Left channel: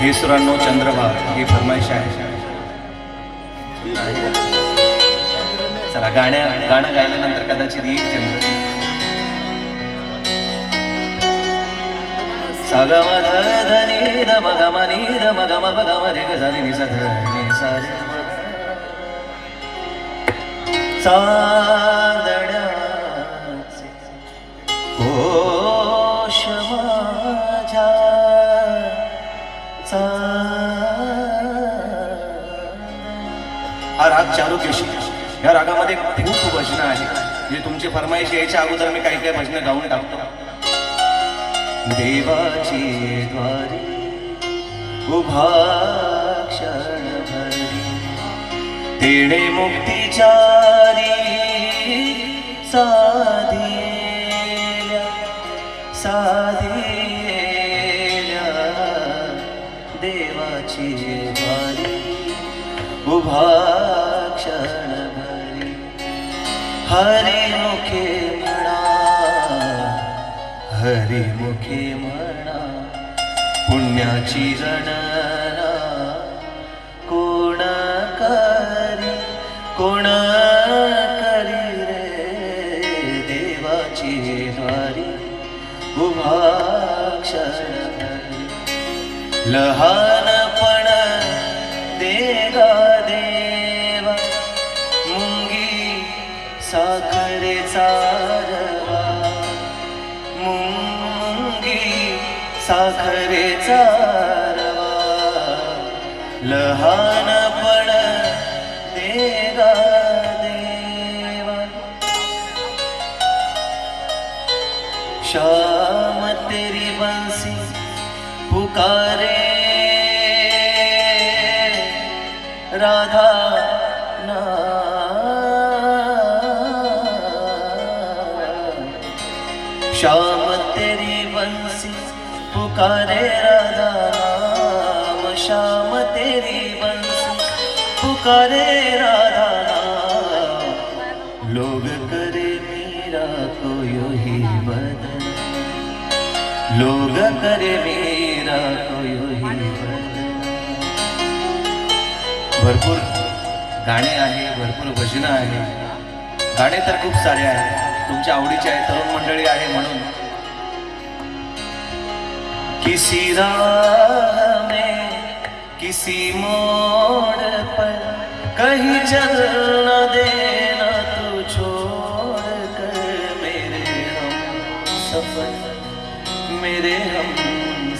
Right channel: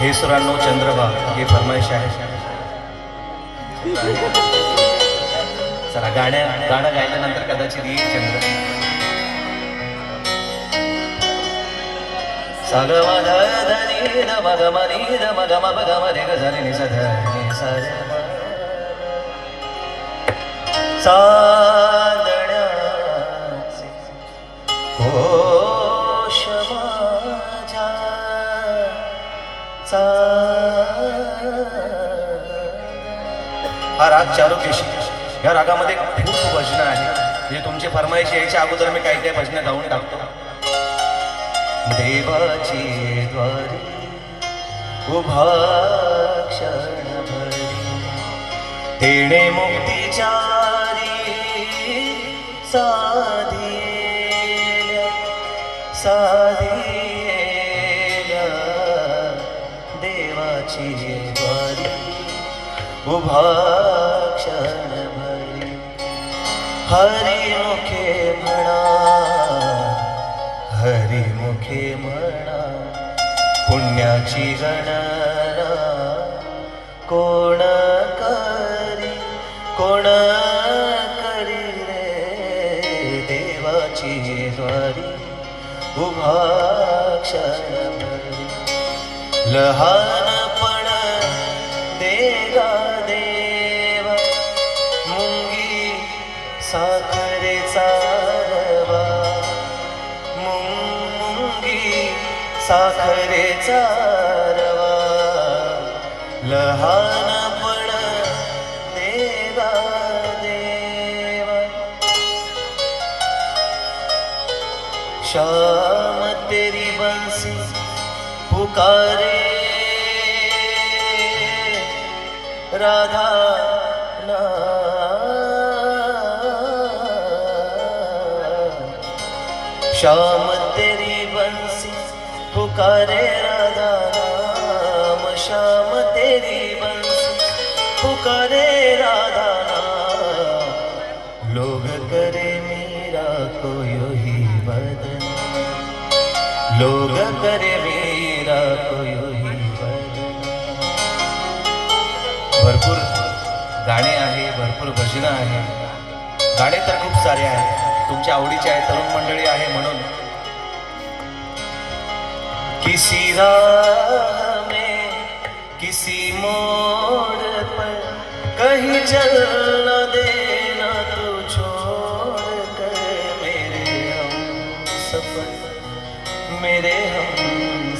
हे सुरांनो चंद्रभाग ही फरमाईश आहे. चला गाणं गायल्यानंतर कदाचित येईल चंद्र. सागम धनी दम गम नी दम गम गम रे ग रे नि सा ध नि सा रे चांदण्याचे घोष माझ्या हा राग चारुकेशी. या रागामध्ये खूप भजनं आहे. जे तुमची फरमाईश यायच्या अगोदर मी काही काही भजनं गाऊन टाकतो. देवाची द्वारी उभा क्षण भरली तेणे मुक्तीच्या साधिल्या देवाची द्वारी उभा क्षण भरली. हरिमुखे म्हणा हरिमुखे म्हणा पुण्याची गणना कोण करी रे देवाची द्वारी उभा क्षण भरली. लहानपण देगा देवा मुंगी साखरेचा रवा मुंगी साखरेचा रवा लहानपण देगा देवा. शाम तेरी बंसी पुकारे राधा ना शाम तेरी बंसी पुकारे राधा नाम शाम तेरी बंसी पुकारे राधा नाम. लोग करे मेरा को यो ही बदन लोग करे मेरा को यो ही बदन. भरपूर गाणे आहे, भरपूर भजनं आहे. गाणे तर खूप सारे आहेत, तुमच्या आवडीचे आहे, तरुण मंडळी आहे म्हणून. किसी राह में किसी मोड़ पर कहीं चल न देना तो छोड़ कर मेरे हम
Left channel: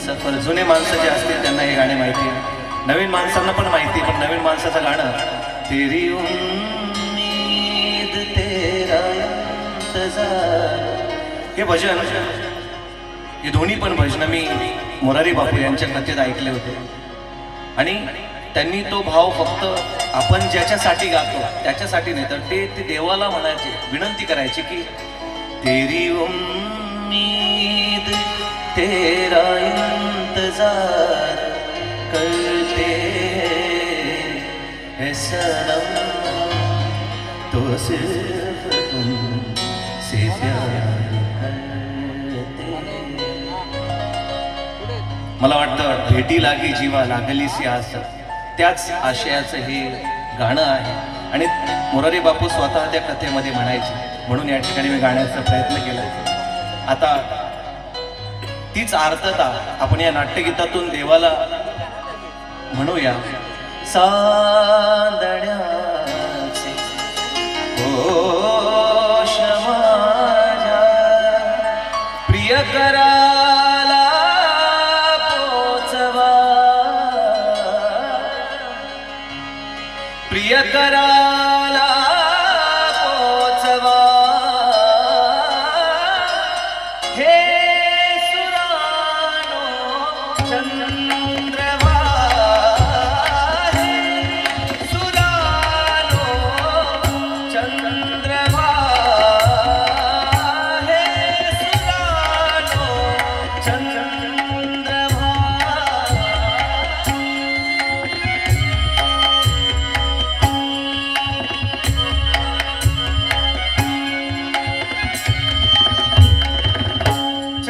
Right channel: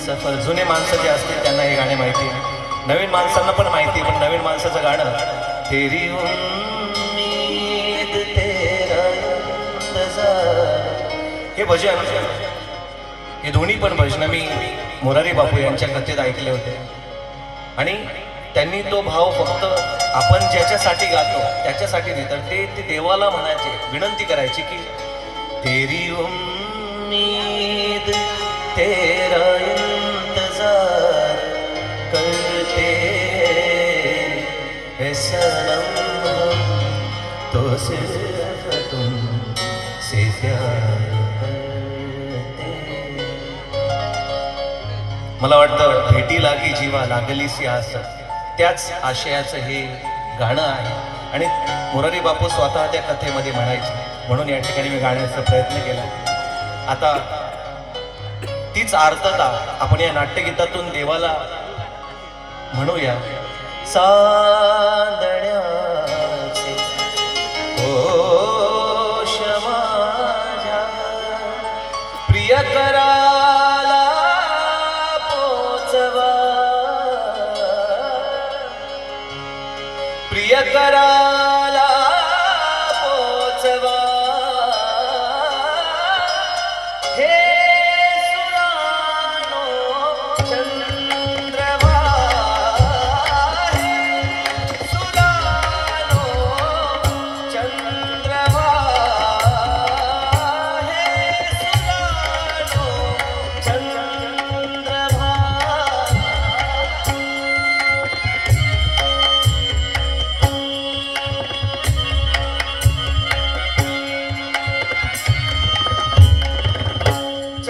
सफर. जुने माणसं जे असतील त्यांना हे गाणे माहिती आहे, नवीन माणसांना पण माहिती. पण नवीन माणसाचं गाणं तेरी उम्मीद तेरा इंतजार हे भजन, हे दोन्ही पण भजन मी मोरारी बापू यांच्या कथेत ऐकले होते. आणि त्यांनी तो भाव फक्त आपण ज्याच्यासाठी गातो त्याच्यासाठी देतात. ते देवाला म्हणायचे, विनंती करायची की तेरी उम्मीद तेरा इंतजार करते हैं सनम तो सिर्फ तुमसे प्यार करते. मला वाटतं भेटी लागी जीवा लागलीसी आस, त्याच आशयाचं हे गाणं आहे. आणि मोरारी बापू स्वतः त्या कथेमध्ये म्हणायचे, म्हणून या ठिकाणी मी गाण्याचा प्रयत्न केला. आता तीच आर्तता आपण या नाट्यगीतातून देवाला म्हणूया. चांदण्याचे घोष माझ्या प्रियकराला पोचवा प्रियकराला पोचवा. हे सुरानो चंद्रवा हे सुरानो चंद्रवा हे सुरानो चंद्रवा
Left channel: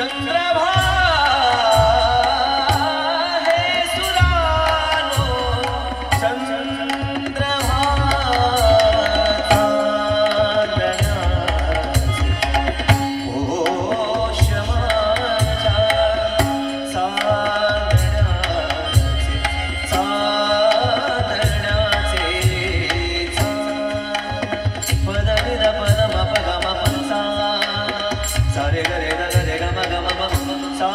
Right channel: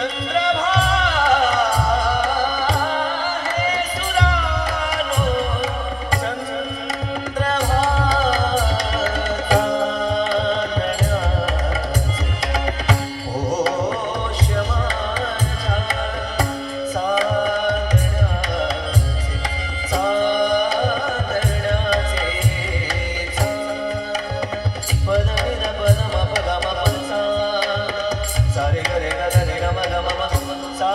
चंद्रभा हे सुरानो चंद्रभा चांदण्याचे होश माझ्या चांदण्याचे चांदण्याचे पद निध पद म प ग म प सा सा रे ग रे ग ग रे ग म ग म प सा